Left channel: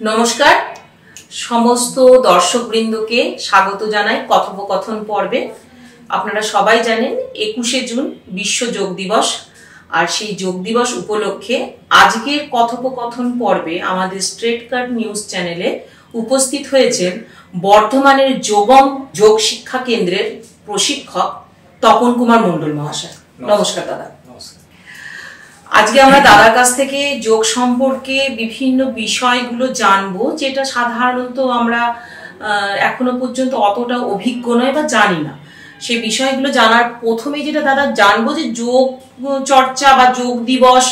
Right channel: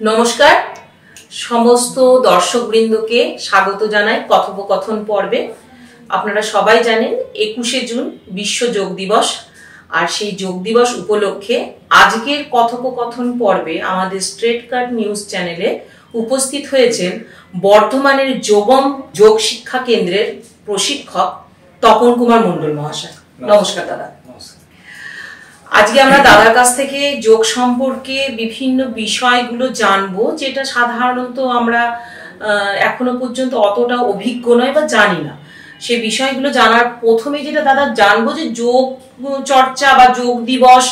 নমস্কার, সমস্ত দর্শকবৃন্দকে স্বাগত জানাই কথোপকথন পর্বে। আপনারা সবাই জানেন 21শে জুন বিশ্ব যোগ দিবস, আর সেই যোগ দিবস উপলক্ষে আজকের কথোপকথন পর্বে আমাদের স্ট্রেট কাট নিউজ চ্যানেলে উপস্থিত হয়েছেন বর্ধমানের যোগম যোগ শিক্ষা কেন্দ্রের প্রশিক্ষক তপন কুমার মণ্ডল মহাশয়। নমস্কার দাদা। আজকে আমরা দাদার কাছ থেকে যোগ সম্পর্কে বিভিন্ন বিষয়গুলো জানবো, যেটা সাধারণত আমরা এখনো পর্যন্ত অতটা অভিজ্ঞ নয় বা জানি না। সেই বিষয়গুলো জানার প্রথমে যেটা দাদা জানবো যে যোগ চর্চা বা যোগ দিবস,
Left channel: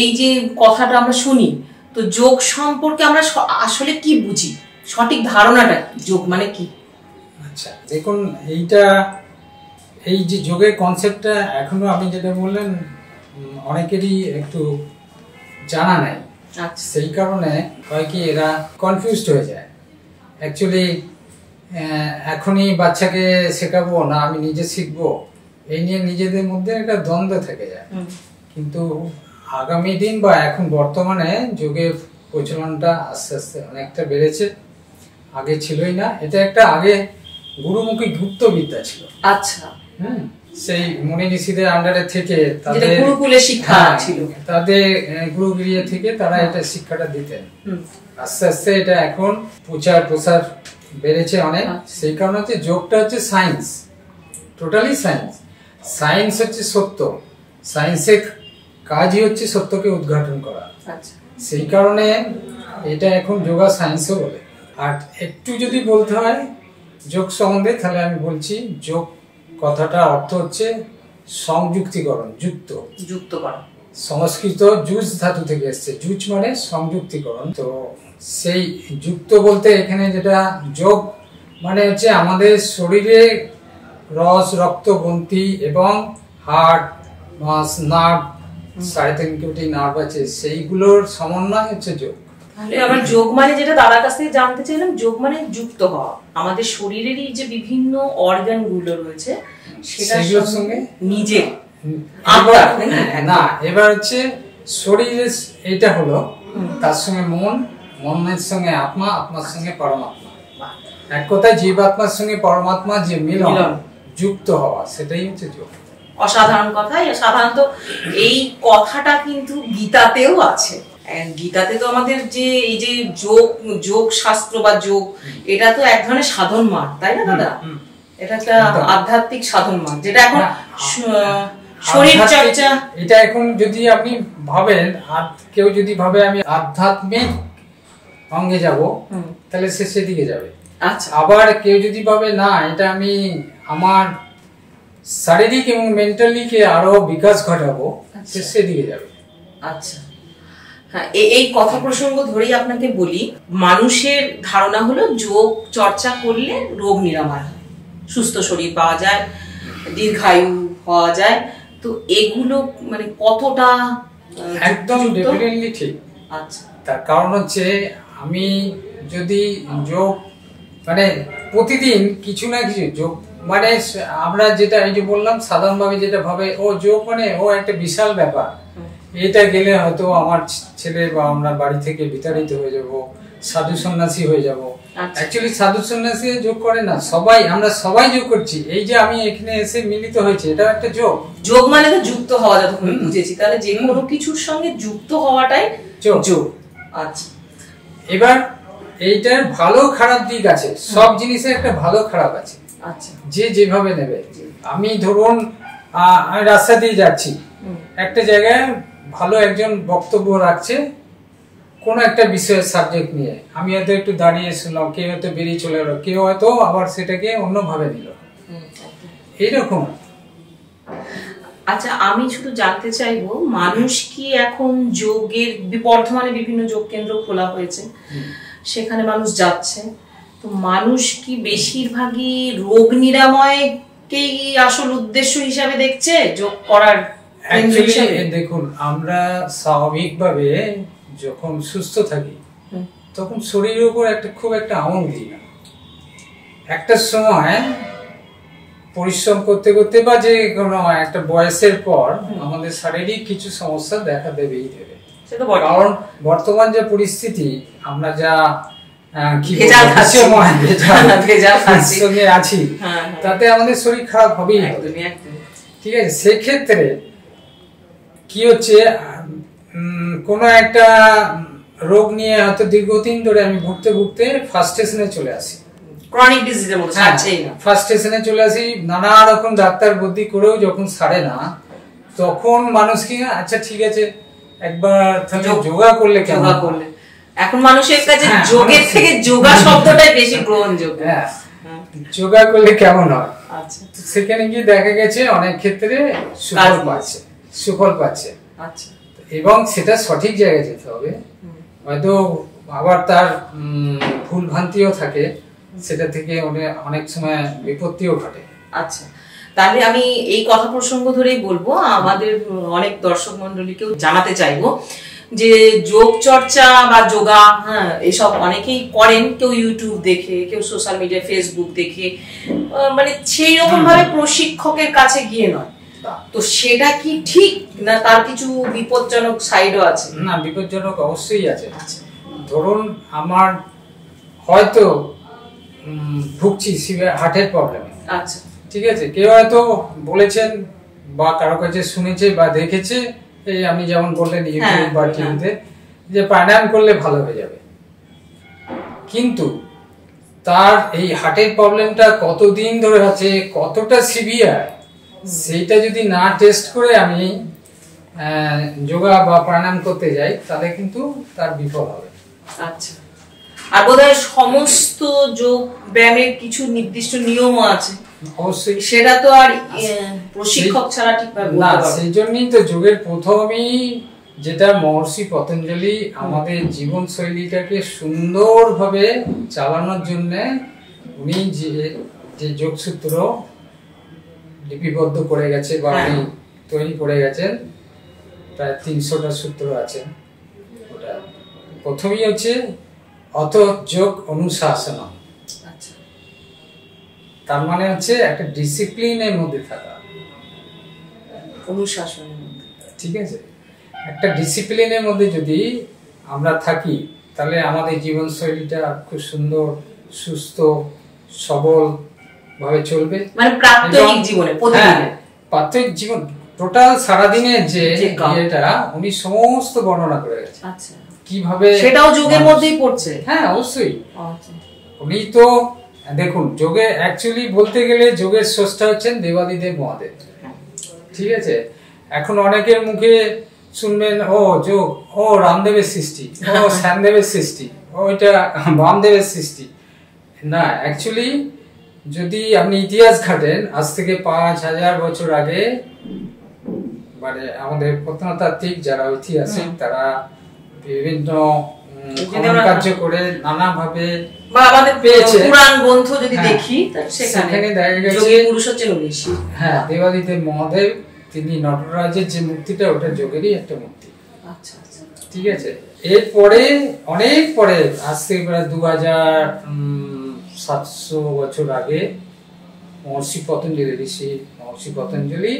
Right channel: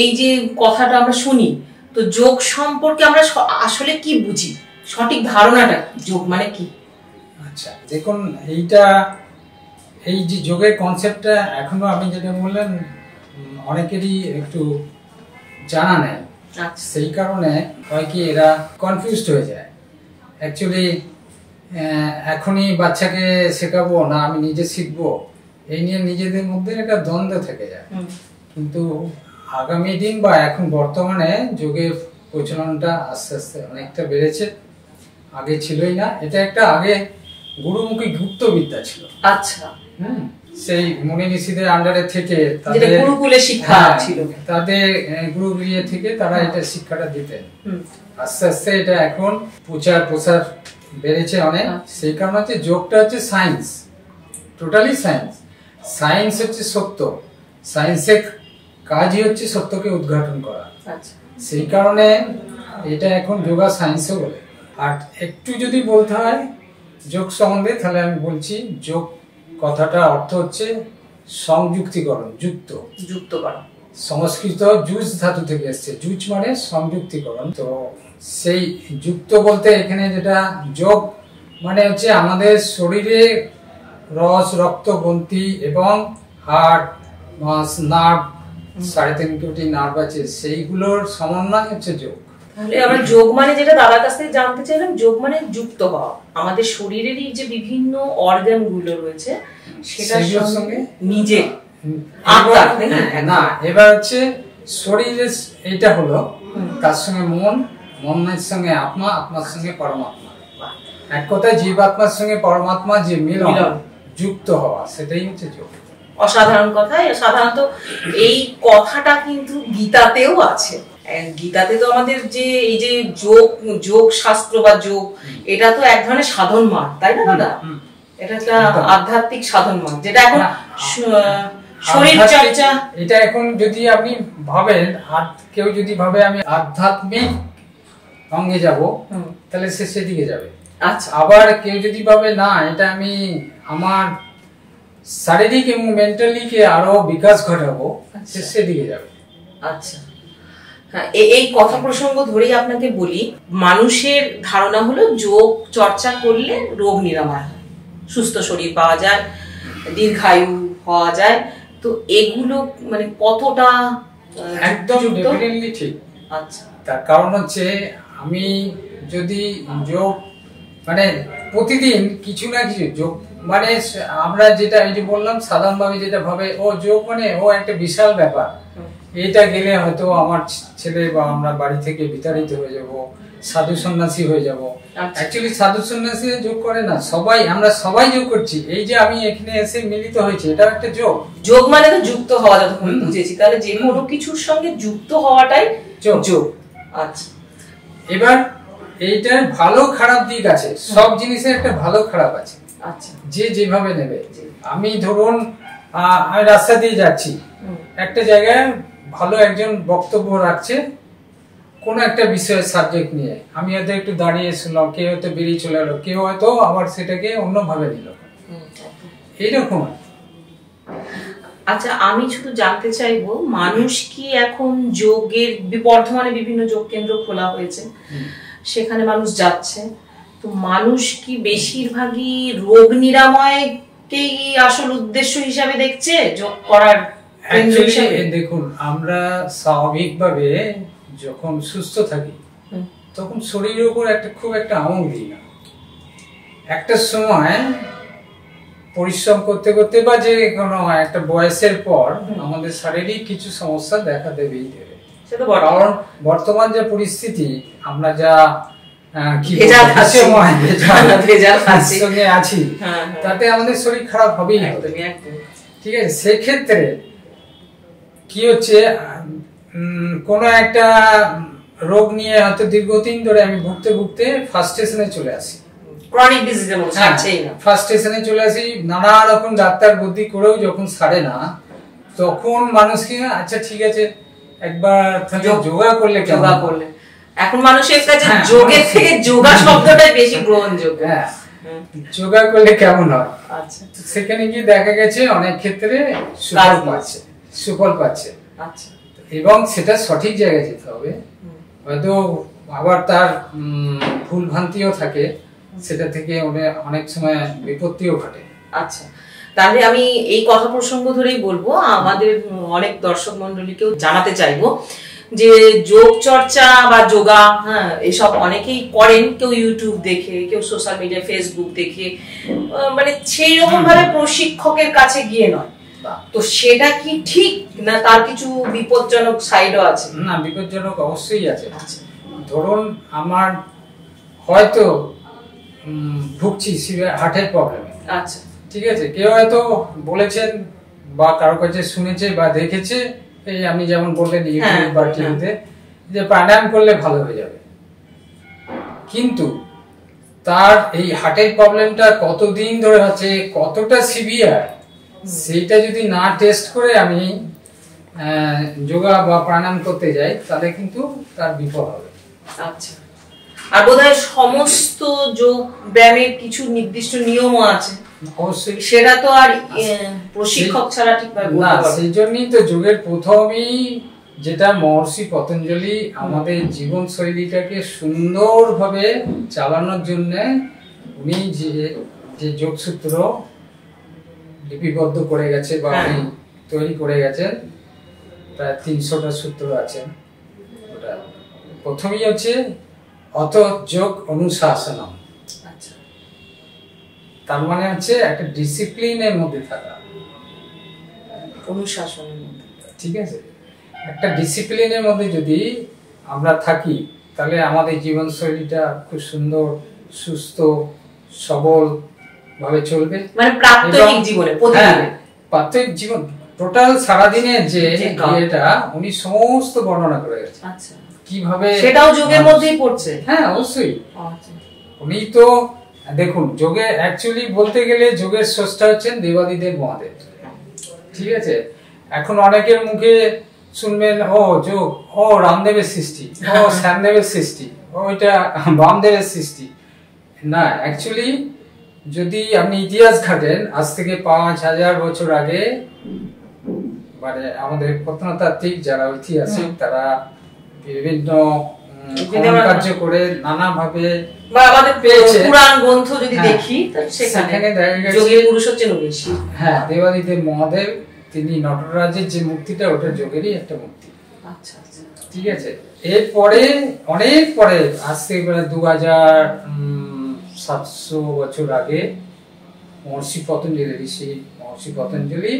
এই যে কথাটা আমরা শুনি, তো যোগ সম্পর্কে আমরা আসলে কি বুঝি, সঠিক ধারণাটা যোগ মানে কি? আচ্ছা দেখুন, এই যে যোগের কনসেপ্টটা এখনো আমি যেটা বললাম অনেকেরই একটু জানা নেই। সেই কারণে হয় কি এরা কনফিউজড হয়ে যায়। অ্যাকচুয়ালি এখনই বাচ্চাকে শেখাবো না আমি নিজে শিখবো, এই নিয়ে নিজেদের মধ্যে একটা দ্বন্দ্ব থেকে যায়। কিন্তু আগামী দিন বা এখন বর্তমানে যোগের প্রচলনটা আস্তে আস্তে অনেকটা বেড়েছে, আগে ছিলই না। এটা একটা আগে গুরুমুখী গুপ্তবিদ্যা ছিল। আচ্ছা, সেই মুনি ঋষিদের আন্ডারে থেকে তাদের গুরুকুলে শিক্ষা ছিল, তাদের গুরুগৃহে থেকে তারা এটা শিক্ষাটা দিতেন। আস্তে আস্তে এটা এখন প্রসার বেড়েছে অনেক। সেই কারণে হচ্ছে যোগটা হচ্ছে সায়েন্স, টোটালি সায়েন্স। সায়েন্স হচ্ছে সত্য, সায়েন্সের কাজই হচ্ছে সত্যকে উদ্ঘাটন করা। সেই কারণে এটা এখন যোগা সায়েন্সও বলে। আর একটু যদি বলতে হয় যোগ সম্বন্ধে, তাহলে আমি বলছি যোগ কথাটা অর্থ হচ্ছে সংযুক্তিকরণ, যুক্ত করা। সংস্কৃত জুজ ধাতু থেকে এসছে, জুজ মানে সংযুক্তিকরণ। তো সেই যুক্ত বলতে এখানে যেটা যোগ মানে হচ্ছে আমাদের শরীরে রস, রক্ত, গ্রন্থি এবং হাড়, নার্ভ, 3.5 কোটি নার্ভ আছে, সেইগুলোর সমন্বয় হচ্ছে যোগ। আবার যোগ মানে যেটা দাদার কাছ থেকে জানতে চাইলাম, যোগ মানে যুক্ত হওয়া আমাদের শরীরেরই যে বিভিন্ন অর্গান গুলো রয়েছে সেটার সঙ্গে নিজে না। এবার হচ্ছে শরীরের এটা হলো, তার সঙ্গে মনের সঙ্গে আত্মা, আত্মার সঙ্গে পরমাত্মা। এক কথায় জীবাত্মার সঙ্গে পরমাত্মা যে মিলন, যুক্ত হওয়া, সেটাই হচ্ছে যোগ। অসাধারণ কথা। সাধারণত এই কথাটা কিন্তু গীতাতেও আছে। গীতাতে তো আমাদের যে এই যে যোগ শাস্ত্র বা যোগ, এটা তো এক ধরনের সাধন মার্গ, তাই না দাদা? এটা একটা আধ্যাত্মিক সাধন মার্গ, যেটা এখন শরীর চর্চা। এটা এখন যদি আপনি ভাবেন, কেউ যদি ভাবে আমি আধ্যাত্মিক অঙ্গে যাব, তাহলে সে সেদিকে যাবে। আচ্ছা, আবার কেউ যদি ভাবে না এটা আমি আমার শারীরিক এবং মেন্টালি কে আরো বিকাশ ঘটাবো, সে সেদিকে যাবে। আচ্ছা, হ্যাঁ, এই কথা প্রসঙ্গ ধরেই আপনাকে বলি, মানুষের ধারণা হলো যোগ চর্চা করলে রোগ নিরাময় হয়, সুস্থ শরীর পাওয়া যায়, দীর্ঘায়ু হওয়া যায়। তো এগুলো মানে কতটা একদম ডেফিনেটলি ঠিক। আচ্ছা, তার কারণ হচ্ছে আমি যদি যোগ মানে প্রতিদিন কিছু না কিছু যোগ মানে আমরা যেটা এই যে বললাম সাধারণভাবে যেটা ভাবে ও যোগ মানে ও একটা বিশাল ব্যাপার, এটা গেলে হয়তো আমার ছেলে বা আমরা বাড়ি থেকে বিতাড়িত হয়ে যাব, সাধু সন্ন্যাসী হয়ে যাব। অ্যাকচুয়ালি সাধু সন্ন্যাসী যোগ করে না, আমরা সবাই যোগ করছি। এই যে আমি এখানে এসে মিলিত হয়েছে, এটা একটা যোগ। যোগ মানে তো যুক্ত হওয়া, যতক্ষণ বুঝেছি। তাহলে যে কোনো কিছুর সঙ্গে যুক্ত হওয়াটাই যোগ। আচ্ছা, এবার এইটার ভালো খারাপ দিক আছে, সব জিনিসের একটা ভালো খারাপ আছে। আচ্ছা, যে যেভাবে নেবে। আমি ধরুন আমি রাস্তা দিয়ে যাচ্ছি, একটা জায়গায় ভালো একজন বক্তব্য রাখছে কোন একটা বিষয়ের সাবজেক্ট নিয়ে, আমি হয়তো একটু দাঁড়িয়ে শুনলাম, কেউ হয়তো বেরিয়ে চলে এলো, কেউ হয়তো আবার সেটাকে অন্যভাবে নিল, এইরকম। আচ্ছা, আমি শুধু জানতে চাইবো, মানুষ কি এখন যোগের, বর্ধমানে বিভিন্ন যোগ কেন্দ্র খোলা হয়েছে, সেখানে মানুষ যাচ্ছে, তো মানুষ কি বেশিরভাগই রোগ নিরাময়কেই আসল উদ্দেশ্য হিসাবে দেখছে যোগ করার? দেখুন, আমরা স্বাভাবিকভাবে যখন সুস্থ থাকি তখন শরীরের উপর খুব একটা আমল দিই না। একটা সময় পরিশ্রম করতে করতে বা যে কোনো একটা বয়সের পর আমাদের শারীরিক কিছু সমস্যা দেখা দেবেই দেবে। কারণ বর্তমান যে পরিস্থিতি, আমরা যা আছি তাতে আমাদের শরীর খারাপ হবেই হবে। ঠিক আছে, সেক্ষেত্রে কি হচ্ছে, কোন একটা রোগ নিয়ে হয়তো দীর্ঘদিন ধরে আমি ভুগতে ভুগতে ফার্স্ট স্টেশনে চলে আসি, ক্রনিক ডিজিজের মতো সারছেই না। ফার্স্ট স্টেশনে চলে আসি, নানা রকম ডাক্তার বুদ্ধি করেও যখন সারে না, তখন মানুষ কি আচ্ছা ঠিক আছে একবার যোগা করলে, যোগা করলে এখন মানুষের কাছে যোগের থেকে যোগা শব্দটাই বেশি গ্রহণযোগ্য। যোগা করলে কেমন হয়, আচ্ছা সেখানে গিয়ে দেখা গেছে অনেক ক্ষেত্রে সুফল পাচ্ছে। আচ্ছা, এবং সেটা সঠিক জায়গায় যেতে হবে। হয়তো আবার তার ভুল ভ্রান্তিও থাকে, সেটা থেকে অনেক সময় বিপত্তিও ঘটে। আচ্ছা, তাহলে আমি এই কথা প্রসঙ্গ ধরেই বলবো, আমাদের অনেক দর্শক মন্ডলীকেও জানাতে চাইবো যে যোগ চর্চা বা যোগা এসব অনেকেই করেন, কেউ ইউটিউব দেখে, কেউ সোশ্যাল মিডিয়া ফেসবুক দেখে, মানে সেই রকম ভাবে প্রশিক্ষকের কাছে গিয়ে নয়। তো সেটা কি ঠিক না, তার কিছু বিপজ্জনক সাইডও আছে? না, বিপজ্জনক অবশ্যই আছে। ধরুন আমার হয়তো ভুগছি হার্টের প্রবলেমে, আচ্ছা ঠিক আছে, কেউ হয়তো বলেছেন বা কারো কাছে শুনেছে বা দেখেছে, এই আমি যেমন বললেন ইউটিউব বা টিভিতে, যে প্রাণায়াম করলে ভালো হয়ে যাবে। কিন্তু তার এই হার্টের প্রবলেমটা কতদিন ধরে আছে, কতটা সিভিয়ার, সেইটা যদি না টেস্ট করে আমি যোগা বা প্রাণায়াম করতে যাই, তাহলে কিন্তু তার বিফল হবে। আচ্ছা, আর বোধহয় সমস্ত যোগ ব্যায়ামের কিছু নির্দিষ্ট নিয়মও আছে, অবশ্যই সেটা তো আর প্রশিক্ষক ছাড়া ঠিকভাবে না। সেই জন্যই তো যোগের প্রথমেই যেটা মহর্ষি পতঞ্জলি আমাদের জীবন শৈলীটাকে সুন্দরভাবে চালানোর জন্য উনি যে যোগসূত্র লিপিবদ্ধ করে গেছে বা উনি তৈরি করে গেছেন, প্রায় 300টা সূত্র আছে। ওটা প্রথমেই হচ্ছে অত যোগ অনুশাসনম। আচ্ছা, তার মানে হচ্ছে একটা ডিসিপ্লিনের মধ্যে থাকা, অনুশাসনের মধ্যে, ঠিক আছে। একটা ডিসিপ্লিনের মধ্যে যদি আমরা থাকি, তাহলে আমাদের জীবনশৈলীটা খুব সুন্দর, সুস্থ, সবল ভাবে চলবে। মানে প্রাত্যহিক জীবনে, প্রতিদিনের প্রাত্যহিক জীবন, টোটাল সারাদিনের যে এটা উনি সমস্ত বর্ণনা করে গেছেন। আচ্ছা, কিভাবে সেটাও যোগের মধ্যেই পড়ছে। হ্যাঁ, অবশ্যই। উনি তো দেখুন, যোগে অ্যাকচুয়ালি বলতে গেলে যোগের স্রষ্টা হচ্ছেন দেবাদিদেব মহাদেব, ঠিক আছে। এখন অনেকের মুখে শুনবেন ও যোগ, ও রামদেবের সৃষ্টি, ও শ্যামদেবের সৃষ্টি, ও এটা বামদেবের সৃষ্টি। না, অ্যাকচুয়ালি যদি আপনি ইতিহাস ঘাটেন, আজ থেকে 5000 বছর আগে, মানে আমাদের প্রত্নতাত্ত্বিক যারা ঐতিহাসিক, তারা বিভিন্ন কার্য করে নানা ভাবে বা আমাদের পুরাণ গ্রন্থ যদি দেখি, সেখানে দেখা গেছে যোগী পুরুষ হচ্ছেন ঋষি। হ্যাঁ, দেবাদিদেব মহাদেব, তিনি নটরাজের যে মূর্তিটা, ওটা যোগেরই একটা মূর্তি। আচ্ছা, ঠিক আছে। এরপরে অনেক পরে, আজ থেকে প্রায় 2700 বছর আগে মহর্ষি পতঞ্জলি, ঋষি মহর্ষি পতঞ্জলি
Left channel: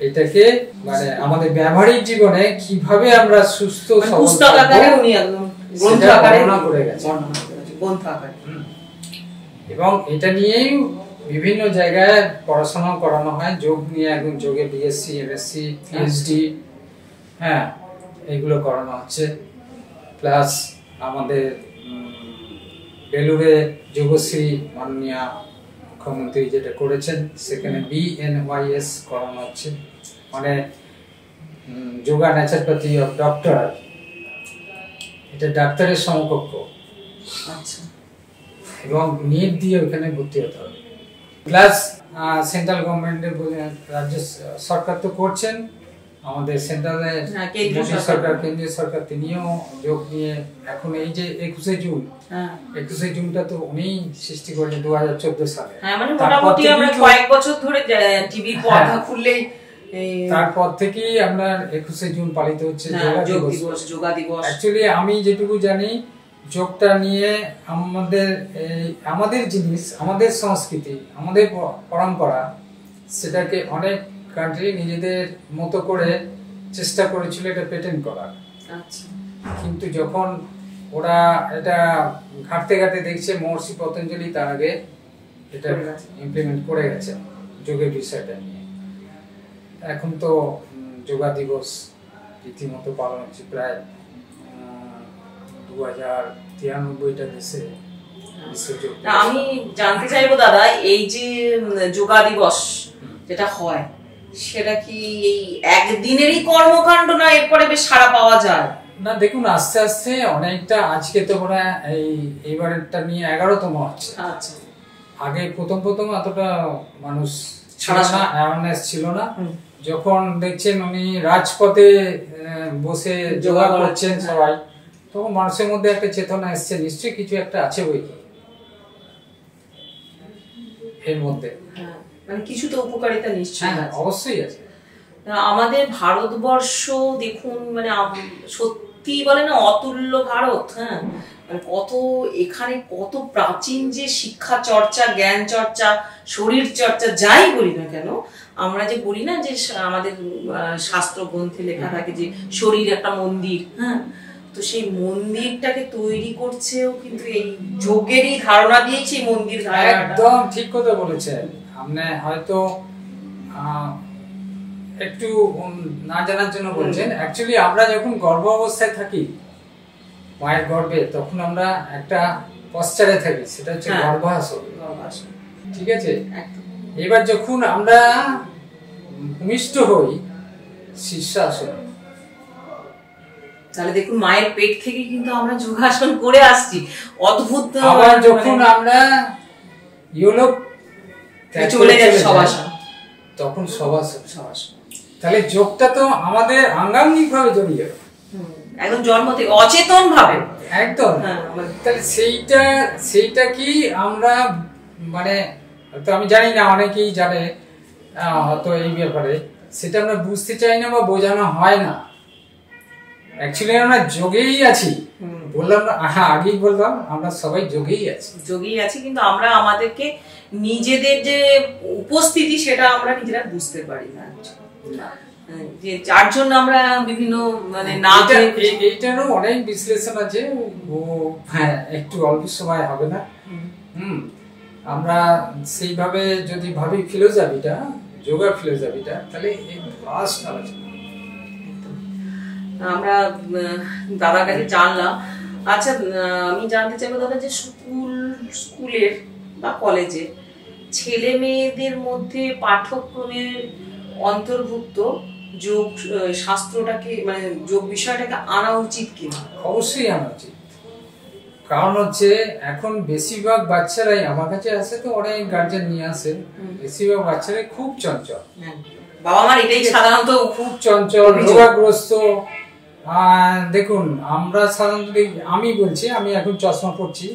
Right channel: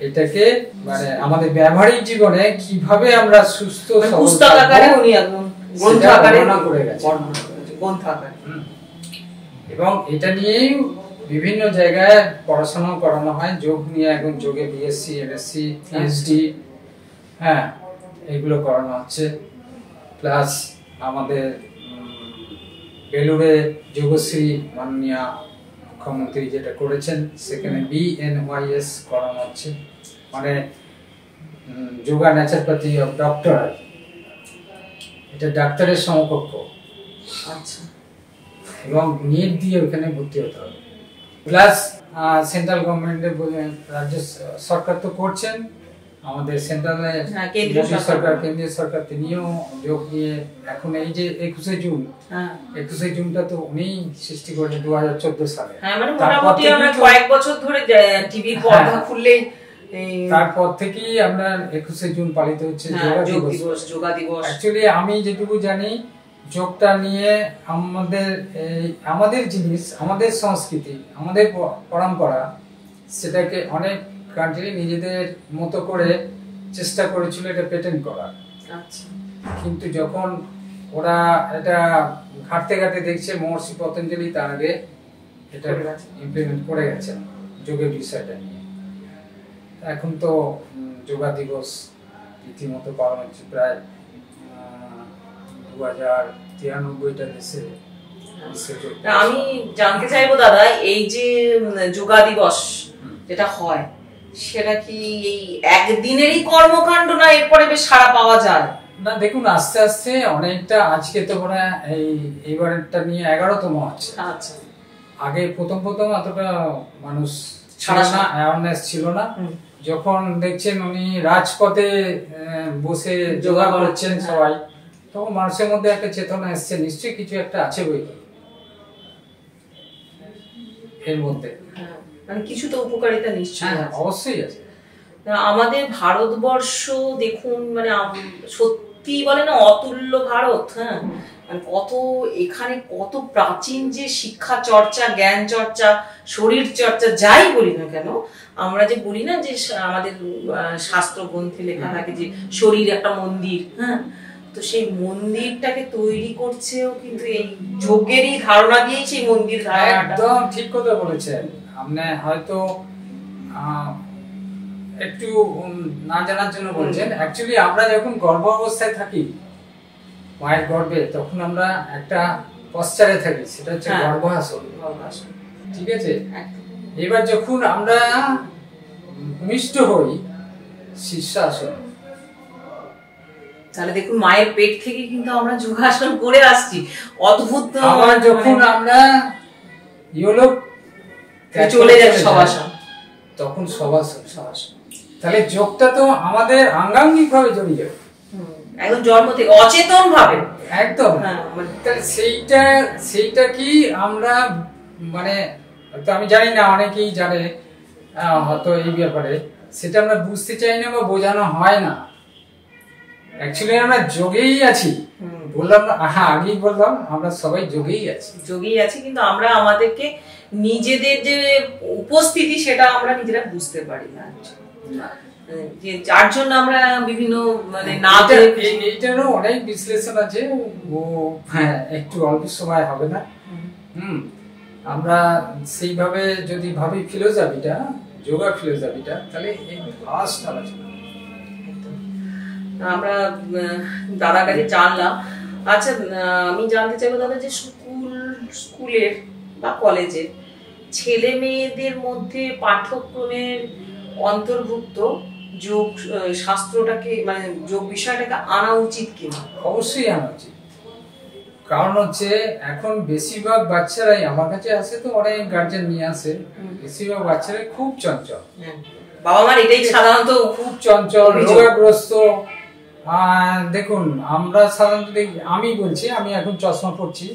এটাকে মানে আমাদের ব্যবহারিক জীবনে কিভাবে আমরা সুস্থ পুস্তক আকারে উনি একদম গ্রন্থ আকারে করে গেছেন, গ্রন্থ আকারে। এবং এটা নিয়েই বিভিন্ন জায়গায় পড়াশোনা করানো হয়, যোগ নিয়ে। এখন যোগে বিএসসি, এমএসসি, পিএইচডি, হ্যাঁ, এগুলো করানো হচ্ছে। প্লাস আমাদের বেলুড়ে যোগশ্রী মাননীয় মুখ্যমন্ত্রী যেটা করেছেন, সেখানে BNYS করানো হচ্ছে, মানে যোগা ন্যাচারোপ্যাথি অফ ডক্টর, এটা ডাক্তারের সমকক্ষ। আচ্ছা, এবং নিট দিয়ে ওখানে ভর্তি হতে হবে। প্লাস সেন্ট্রাল গভর্নমেন্টের রাজ্য সরকার তো করছেন, আমাদের সেন্ট্রালে কেন্দ্রীয় সরকার তিনিও যোগ নিয়ে এখন এই যে 21শে জুন, 21শে জুনটা তো উনি সৃষ্টি করেন 2014 সালে। মানে মোটামুটি আমরা কয়েক বছর ধরে টিভির পর্দা খুললেই তারপর থেকেই আমরা 21শে জুন পালিত হচ্ছে যোগা দিবস। অ্যাকচুয়ালি আমি যেটুকু জানি, যোগটা নিয়ে আমাদের জিনিস, আমাদের সংস্কৃতি, আমাদের পরম্পরা, সেটাকে অনেক কান্ট্রি নিজেদের মতো করে চেষ্টা করেছিল এটা পেটেন্ট করার। আচ্ছা। কিন্তু যখন ওরা এটা ঘাটতে ঘাটতে দেখছে মহর্ষি পতঞ্জলি তার আগে এটা ইমপ্লিমেন্ট করে গেছেন যোগের বিষয়টা নিয়ে। এখন তো যোগা দিবস রীতিমতো পালন হচ্ছে, প্রায় 2093টা দেশে। আমি জানতে চাইবো দাদা, এই যে যোগা দিবস যেটা হয় সেটা কি এই একদিনেরই কর্মকাণ্ড, না এরপরে বেশ সাড়া পাওয়া যায়? না দেখুন, আস্তে আস্তে অনেকটা, আজকে তো মনে হয় এইবারটা নিয়ে 11তম হচ্ছে। আচ্ছা। আগে প্রথম এতটা মানুষ ছিল না, অ্যাওয়ারনেস ছিল না। যখন দেখছেন উনি রাজপথে বসে যোগা করছেন সবাই, তখন মানুষের মধ্যে একটা চেতনা এসছে, নিশ্চয়ই কিছু একটা আছে বই এর মধ্যে, মানে কিছু তো উপকারিতা নিশ্চয়ই অবশ্যই আছে। আমাদের ভারতবর্ষ দেখুন, মানে সত্যি বলে না অতুল্য ভারত। হ্যাঁ, কত এখানে কত প্রাচীন যে শিক্ষা চর্চা, জ্ঞান চর্চা, শরীর চর্চা যাই বলি না কেন, আমরা যে বলি না যে আমাদের শাস্ত্র গ্রন্থে লেখা থাকে যে শরীর একটা মন্দির। হ্যাঁ, তো সেই মন্দিরটাকে তৈরি করছেও কিন্তু এই যোগেরই ধারণা দিয়েই সেই মন্দির ধারণাটা। একদম ঠিক কথা বলেছেন আপনি। হয়তো একটু না জানার জন্য বলছেন, অ্যাকচুয়ালি আমরা যখন গর্ভ অবস্থায় থাকি মায়ের গর্ভে, তখন আমরা একটা পশ্চারে থাকি, সেটা হচ্ছে গর্ভাসন। ঠিক আছে, এবার যখন আমরা ভূমিষ্ঠ হই শীর্ষাসন। তাহলে দেখুন মায়ের পেট থেকে কিন্তু আমরা যোগাসন করে আসছি, অদ্ভুত। আবার যখন আমরা ইয়োলোক চলে যাই শবাসন, তখন শবাসন। তাহলে যোগটা তো আমাদের আঙ্গাঙ্গিক ভাবে জড়িয়ে, একদম জন্ম থেকে অচেতন ভাবে একদম। তাহলে সেইটা কি আমরা, মানে তো আমি জানি না, অনেকেই জানে হয়তো এই ব্যাপারে, সেটা আমরা বুঝতে চাই না বা বোঝানো হয় না। অ্যাকচুয়ালি আমরা যোগেই আছি, বললাম না, আগেই বললাম, আমরা সবাই যোগেই আছি, কিন্তু আমরা আমাদেরকে নিজেদের যে উপস্থিতি সেটা আমরা নিজেরা বুঝতে পারি না, যে যার জন্য আমরা বিভিন্ন মানে না, এইটারও অনেক বিশ্লেষণ আছে, ও হ্যাঁ একটু অল্প সময় হবে না। আমরা সেইভাবে যদি ভাবি ফিলোসফিটা, যোগা ফিলোসফিটা, তাহলে এই ভাস্ট আলোচনা আমরা দাদার কাছে জানলাম। আচ্ছা, আমি জানতে চাইবো দাদা যে স্কুলের বা কলেজে ছেলে মেয়েদের মধ্যে পাঠ্যক্রমের অন্তর্ভুক্ত যোগ শাস্ত্রটাকে, মানে যোগ বিষয়টাকে আনা উচিত কিনা? অবশ্যই আনা উচিত। কারণ হচ্ছে এখন বেশিরভাগ বাচ্চারাই আমার কাছে আসে, তো অনেক গার্জেন নিয়ে আসে, বেশিরভাগ বাচ্চারাই খুব চঞ্চল। বাবা মার এটাই সাধারণত, খুব চঞ্চল, রোগাগ্রস্ত। দেখুন আমরা সাধারণত, আমি বলছি, আমি এখন চশমা পড়ছি,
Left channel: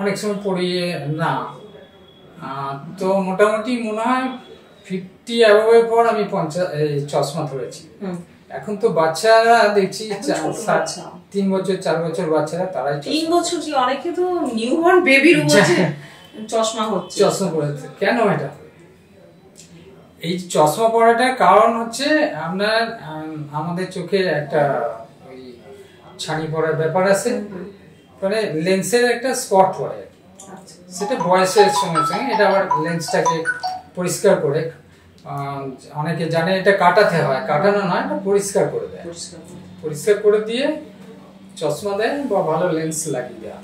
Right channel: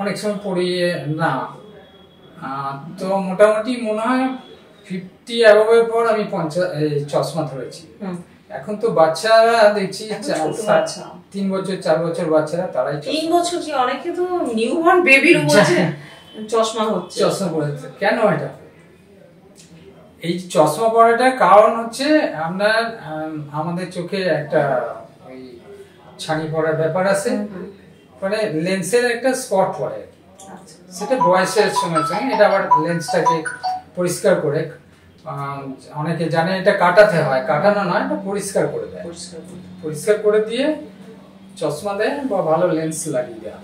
অনেক সময় পড়িয়ে না, তো মোটামুটি মনে হয় 50 অ্যাবভের পর আমি চশমা ধরেছি। এখন তো বাচ্চারা দেখছি 3 বছর 4 বছর বাচ্চারা, তারাই 3 বছর কি, অনেকে তো নিউবর্ন বেবির মধ্যে চশমা পড়েছে। কেন এটা? এই চশমা পড়াটার কারণ হচ্ছে আমাদের চোখে একটা ওই ছানি পড়ার ব্যাপার আছে, মানে লেন্সের একটা স্পট পড়ে, সেটা বয়সের সঙ্গে সঙ্গে এটা আবার লেন্সটাকে পরিষ্কার করে, অনেকে জানে এটা কাটাতে হয়, কাটানো নয়, এটা পরিষ্কার করে দেয়, পরিষ্কার করে দিয়ে চশমা দেয় বা ভালো লেন্স লাগিয়ে দেয়,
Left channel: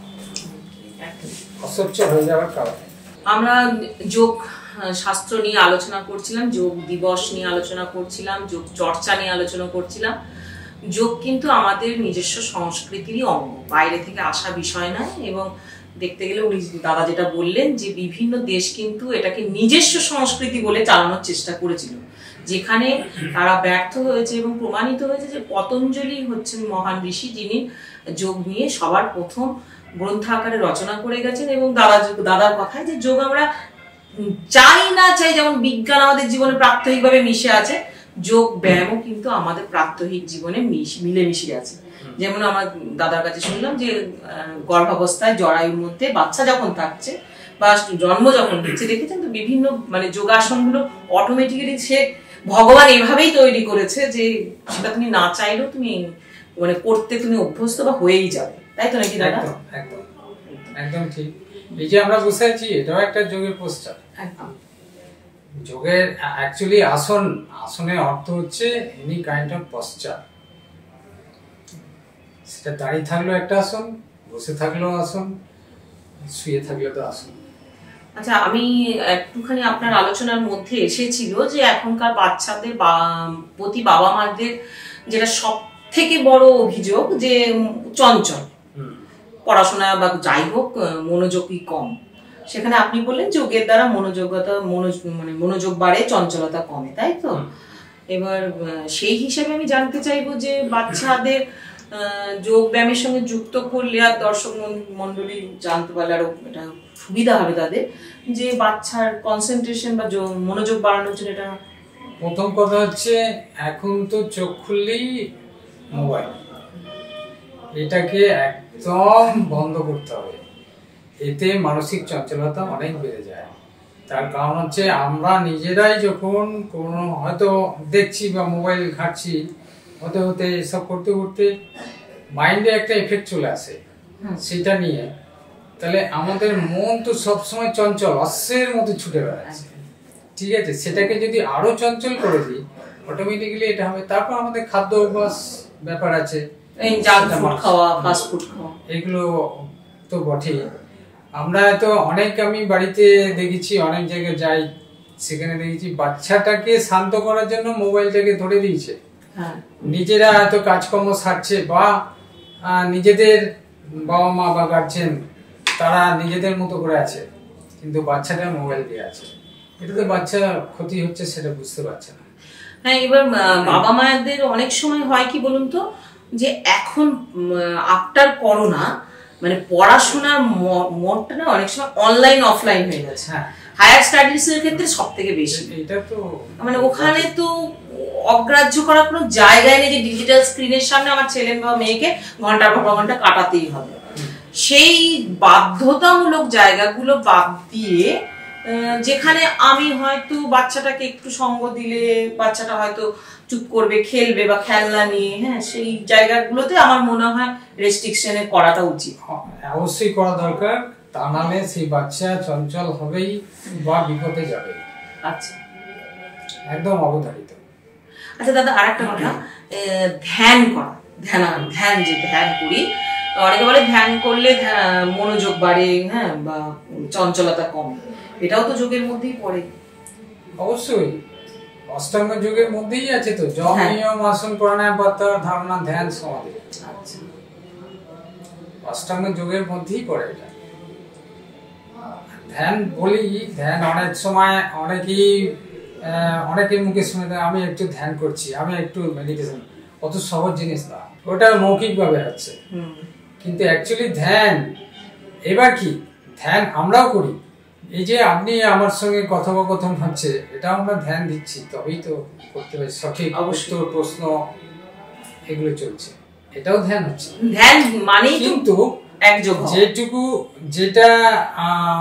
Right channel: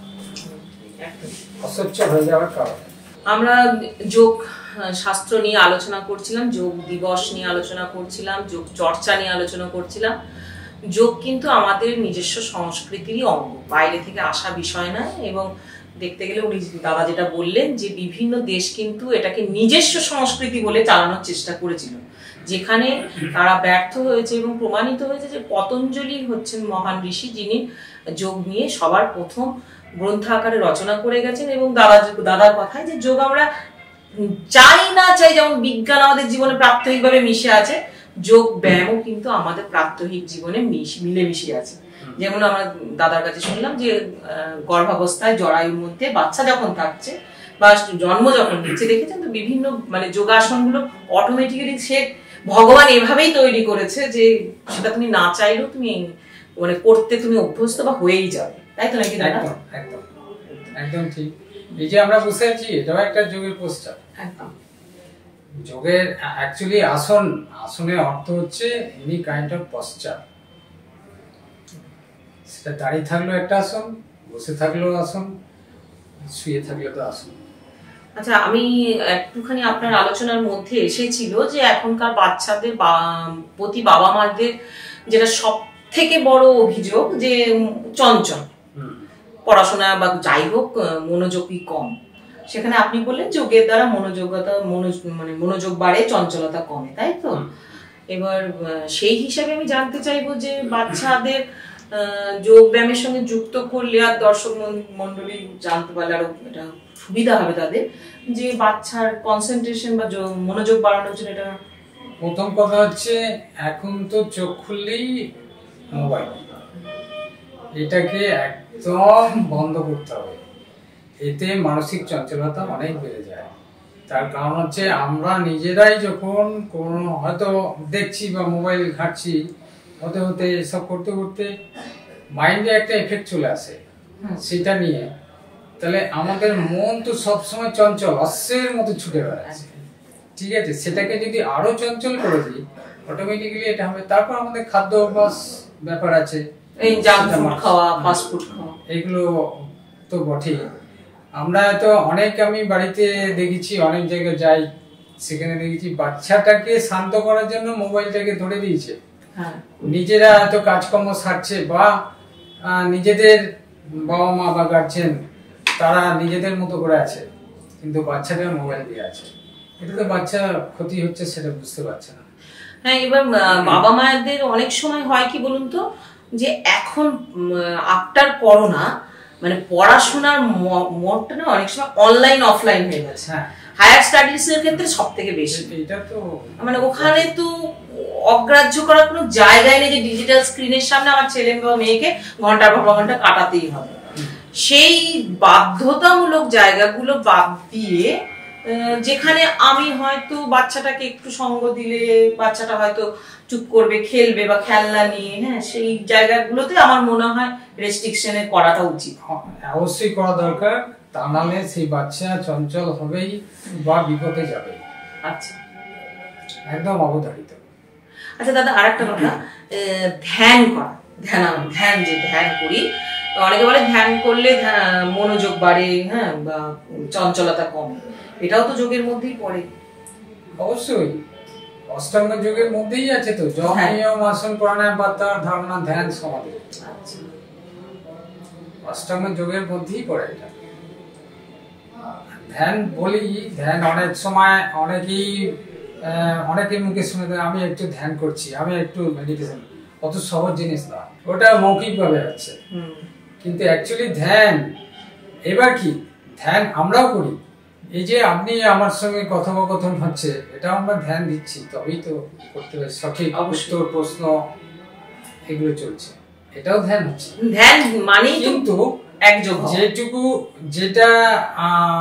অস্বচ্ছ হয়ে যাওয়ার কারণে। আমরা যোগ শাস্ত্র নিয়ে আলোচনা করছিলাম, যোগ দিবস নিয়ে আলোচনা করছিলাম, যোগ চর্চা নিয়ে আলোচনা করছিলাম। যোগ কিন্তু আমাদের নিজস্ব সংস্কৃতিরই অঙ্গ, বাইরে থেকে আসা বিষয় না। এবং দেখতে গেলে উনি দাদা যেটা বললেন যে বিভিন্ন দেশ কিন্তু এটাকে নিজস্ব সংস্কৃতি বলে চালানোর চেষ্টা করেছিল, যেখানে তারা ব্যর্থ হয়েছে এবং প্রমাণিত হয়েছে যে পতঞ্জলি হচ্ছেন মহান ঋষি, যিনি যোগ নিয়ে সবার প্রথম গ্রন্থ আকারে রচনা করে গেছেন। এবং দাদার কথায় যে যোগ আমরা চাই না চাই, যেমন বিজ্ঞান আমাদের জীবনে প্রাত্যহিকভাবে মিশে আছে, যোগ ব্যায়ামও কিন্তু আমাদের প্রাত্যহিক জীবনে মিলেমিশে আছে। যেমন আমার দাদার কাছে শুনলাম যে গর্ভাবস্থায় জরায়ুর মধ্যে বাচ্চা যখন থাকছে বা জন্ম যখন দিচ্ছে, দেখেছেন তো বিভিন্ন মানে যোগাসনগুলো অটোমেটিক্যালি সে ভগবান এভাবেই তৈরি করেছে যে সেটা তুমি না চাইলেও তুমি মানে করতে তুমি অভ্যস্ত বা হয়েই যাবে, তাই তো নাকি দাদা? একদম একদম ঠিক। এই যে আমরা বসে আছি এটাও একটা যোগের পোস্টার। একদম যোগের অ্যাকচুয়ালি আসনের অর্থ হচ্ছে এনি কাইন্ড অফ পশ্চার। সেটা দাঁড়িয়ে থাকলেও একটা আসন, বসে থাকলেও আসন, শুয়ে থাকলে তো আসন। আচ্ছা, আমি একটুখানি আপনার আলোচনার মধ্যে এসেছিল যে এখনকার বাচ্চাদের প্রতি বাবা মাদের যেটা সব থেকে বড় অভিযোগ যে চঞ্চল, পড়াশোনা বা যাই হোক মনোযোগই কম। সেখানে আপনি বললেন যোগের দ্বারা মানে মনোযোগ বাড়ে, চঞ্চলতা কমে, তাই তো? এবার সেই হিসাবে আমি জানতে চাইবো যে বাচ্চাদের যোগ ব্যায়ামের সঙ্গে যুক্ত করলে আর দর্শক মন্ডলী জানতে পারলে আরো এটা সুবিধা হবে তাদের, যে বাচ্চার কনসেন্ট্রেশন বা মনোযোগ বাড়ানোর জন্য এটা। প্রথম কথা হচ্ছে এখন তো চোখ খুললেই মোবাইল, এটাকে একদম বন্ধ করতে হবে। এতে মানসিক চঞ্চলতা অনেক বেড়ে যায়। তার কারণ হচ্ছে আমরা নিজেরাই যখন কোনো হয়তো দেখছি বা মোবাইল ঘাঁটছি, হতে হতে এসব করতে করতে মাইন্ডে একটা এফেক্ট চলে আসে সেটা নিয়ে, তাহলে আমাদের মন তো সবসময় চঞ্চল, অশ্বের মতো ছুটে বেড়াচ্ছে, ঠিক আছে? সেটাকে যদি আরো চঞ্চল করে দিই অটোমেটিক্যালি এটা হবে। তারপর আমাদের খাদ্য অভ্যাস ব্যাপার আছে, এগুলো তো বটেই। আমরা তো অনেক, আমি বাড়িতে দেখেছি, অনেক জায়গায় যাই, সেখানে দেখেছি বাচ্চাটাকে শান্ত করার জন্য মোবাইলটাকে ধরে দিয়েছে। নিজেরা হয়তো কাজকর্ম সারছে বা নিজেদের বাবা মা বা গার্জেন তারা নিজেদের মতো করে আছে, কিন্তু বাচ্চাটা মোবাইল দিয়ে আছে। এটা তো বাচ্চা ক্ষতি হচ্ছে সেটা বুঝতে পারছে না। হ্যাঁ, এবার বাবা মায়েদের অনেক সময় হয় কি বলুন তো, যে এখন আফটার করোনা মানে পড়াশোনার মোডটা না অনেক সময় অনলাইন অফলাইন হয়ে গেছে। হায়ার স্টাডিজ এর ক্ষেত্রে সব থেকে বেশি এটা তো মানে ওখানে তো অগ্রাহ্য করার কোনো জায়গায় নেই যে ডিজিটাল স্ক্রিনের সামনে আমার ছেলে বা মেয়েকে ঘন্টার পর ঘন্টা কাটাতেই হবে। সেই বাধ্যতামূলক জায়গাগুলো বাদ দিয়ে যেখানে আমি হয়তো বাচ্চাটাকে একটু সঙ্গ দিলে বাচ্চাটা হয়তো চুপ করবে, খেলবে বা খেলনা নিয়ে, হ্যাঁ, সেই জায়গাগুলোতে আমার মনে হয় রেস্ট্রিকশনে করাটা উচিত। অবশ্যই করা দরকার, তা নাহলে সেই বাচ্চা চঞ্চল হবেই বা বিপদে যাবে। আচ্ছা, একদম অবধারিত। আচ্ছা দাদা, আরেকটা কথা, ধ্যান করা, ধ্যান যে ধ্যান করি, অনেকে বলে ধ্যান করলে মনোযোগ বাড়ে, হ্যাঁ, বা চঞ্চলতা কমে, এটাও তো যোগের মধ্যেই পড়ে। অবশ্যই অষ্টাঙ্গ যোগের মধ্যেই আছে তো, যম নিয়ম আসন প্রাণায়াম প্রত্যাহার ধারণা ধ্যান সমাধি। আচ্ছা, অষ্টাঙ্গ যোগের মধ্যেই পড়ে এটা। ধ্যান বলি, ধ্যান অনেক সময় অনেকের মুখে শুনে আমি একটু ধ্যান করছি, আমি একটু মেডিটেশন, অত সহজ জিনিস না, ওটা মৌখিক ভাবে আছে। কিন্তু অ্যাকচুয়ালি ধ্যান এবার কি, ধ্যান আমরাও করি। এই যে আপনি আমার সঙ্গে কথোপকথন হচ্ছে, এটা আমরা ধ্যান দিচ্ছি, তবেই তো করতে পারি, সঠিক উত্তর প্রশ্ন এগুলো চলছে, এটাও ধ্যান হচ্ছে। ধ্যান মানে কিন্তু যেটা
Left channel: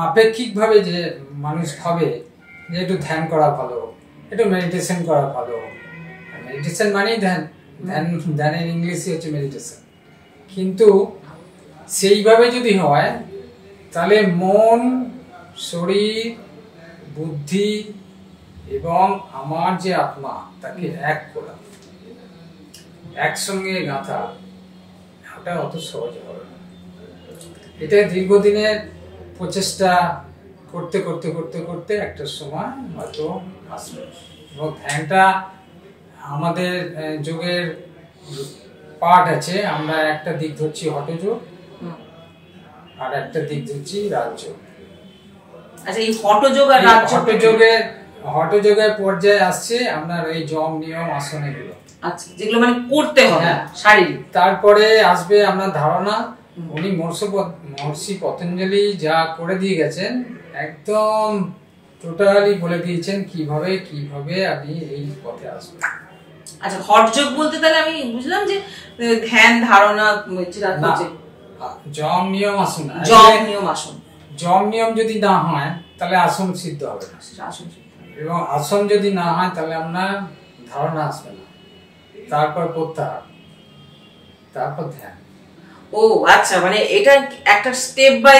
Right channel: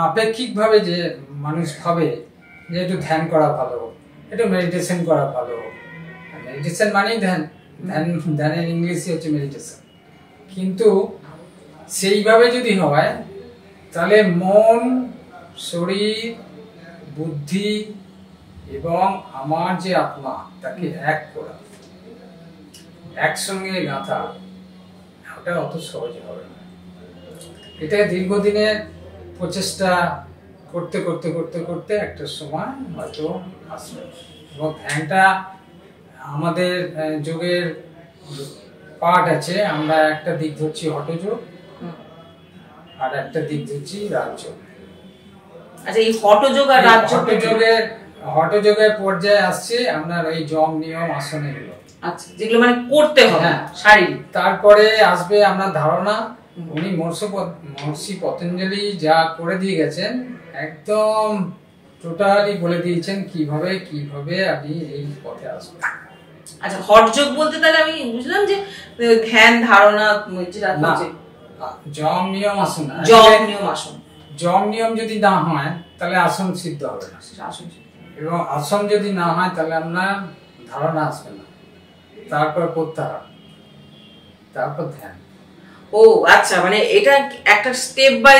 আপেক্ষিক ভাবে যে মানুষ ভাবে যে একটু ধ্যান করা ভালো, একটু মেডিটেশন করা ভালো, মেডিটেশন মানেই ধ্যান, ধ্যানের ইংলিশই হচ্ছে মেডিটেশন। কিন্তু সেইভাবে যদি হয় তাহলে মন, শরীর, বুদ্ধি এবং আমার যে আত্মা তাকে এক করা, একসঙ্গে গাঁথা, ওটা অত সহজ হবে না। এটা দীর্ঘদিনের প্রচেষ্টা করতে করতে করতে করতে একটা সময় হয়তো আসবে। এবং ধ্যানটা আমাদের যোগের পার্ট আছে, আমরা একটা দিক ধরছি হঠযোগ আর একটা দিক ধরছি রাজযোগ। আচ্ছা, এই হঠযোগ আর হঠযোগের পর্যায়ে আসছে আপনার এই যম নিয়ম আসন এগুলো, আচ্ছা, যেগুলো মানে করতে হবে শারীরিক। তারপরে আসবে আপনার ধারণা। উনি মহর্ষি পতঞ্জলি যা করে দিয়ে গেছেন, একদম টোটালি বলে দিয়েছেন কিভাবে কিভাবে আপনি এই পথে আসবেন। আচ্ছা, হঠযোগ বলতে তাহলে আমি বুঝলাম যে ধ্যান ধারণা, যম নিয়ম আসন, যম নিয়ম যদি না হয় তাহলে আসন সিদ্ধ হবে না, এবং আসন যদি না হয় তাহলে আপনার ধারণা আসবে না, তারপর প্রত্যাহার, তারপর ধ্যান। ও আচ্ছা, মানে এটা একটা স্টেপ বাই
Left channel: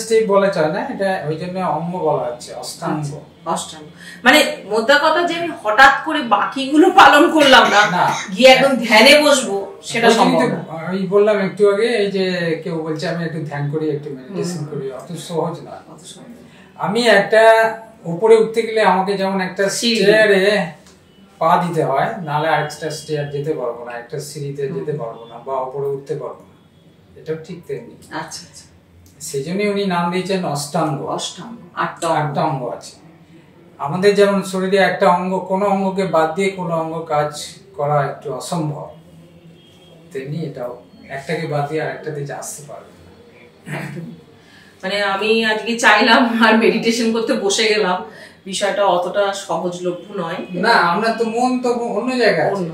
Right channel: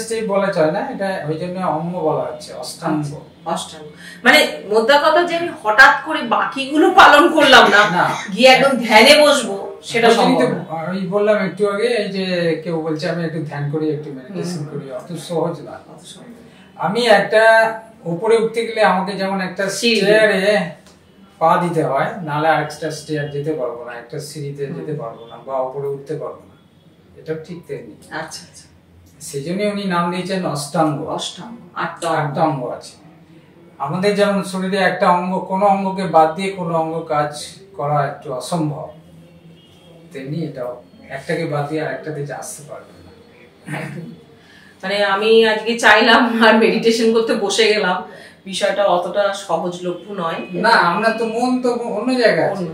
স্টেপ বলা যায় না, এটা ওই জন্য অঙ্গ বলা হচ্ছে, অষ্টাঙ্গ। অষ্টাঙ্গ মানে মোদ্দা কথা যে আমি হঠাৎ করে বাকিগুলো পালন করলাম না, গিয়ে একদম ধ্যানে বসবো সেটা সম্ভব না। আমি বললাম একটু আগে, এই যে কেউ বলছে আমি একটু ধ্যান করি, একটু মেডিটেশন করি, অত সহজ না। আমি একটা উপরে উঠতে গেলে আমাকে যেমন একটা স্টেয়ারে পা দিতে হয়, নাহলে আরেকটা স্টেয়ার যেতে পারবো না, একটা সিঁড়িতে যেতে পারবো না, বা উপরে উঠতে পারবো না, এটা ঠিক তেমনি। আচ্ছা আচ্ছা, সেই জন্য উনি নাম দিয়েছেন অষ্টাঙ্গ। অষ্টাঙ্গ, আটটা অঙ্গ আছে আমাদের। যেমন শরীরে একটা অঙ্গ, কোনো অঙ্গকে বাদ দিয়ে কোনো অঙ্গ কাজ করা একটু অসম্ভব, তেমনি এটাও একটাকে বাদ দিয়ে আরেকটাতে আসতে পারবে না। মানে আমি আজকে চাইলাম আর মেডিটেশন করতে বসে গেলাম, বিষয়টা অতটা সহজলভ্য নয় না। আমরা তো মন তো অন্য জায়গায় আছে,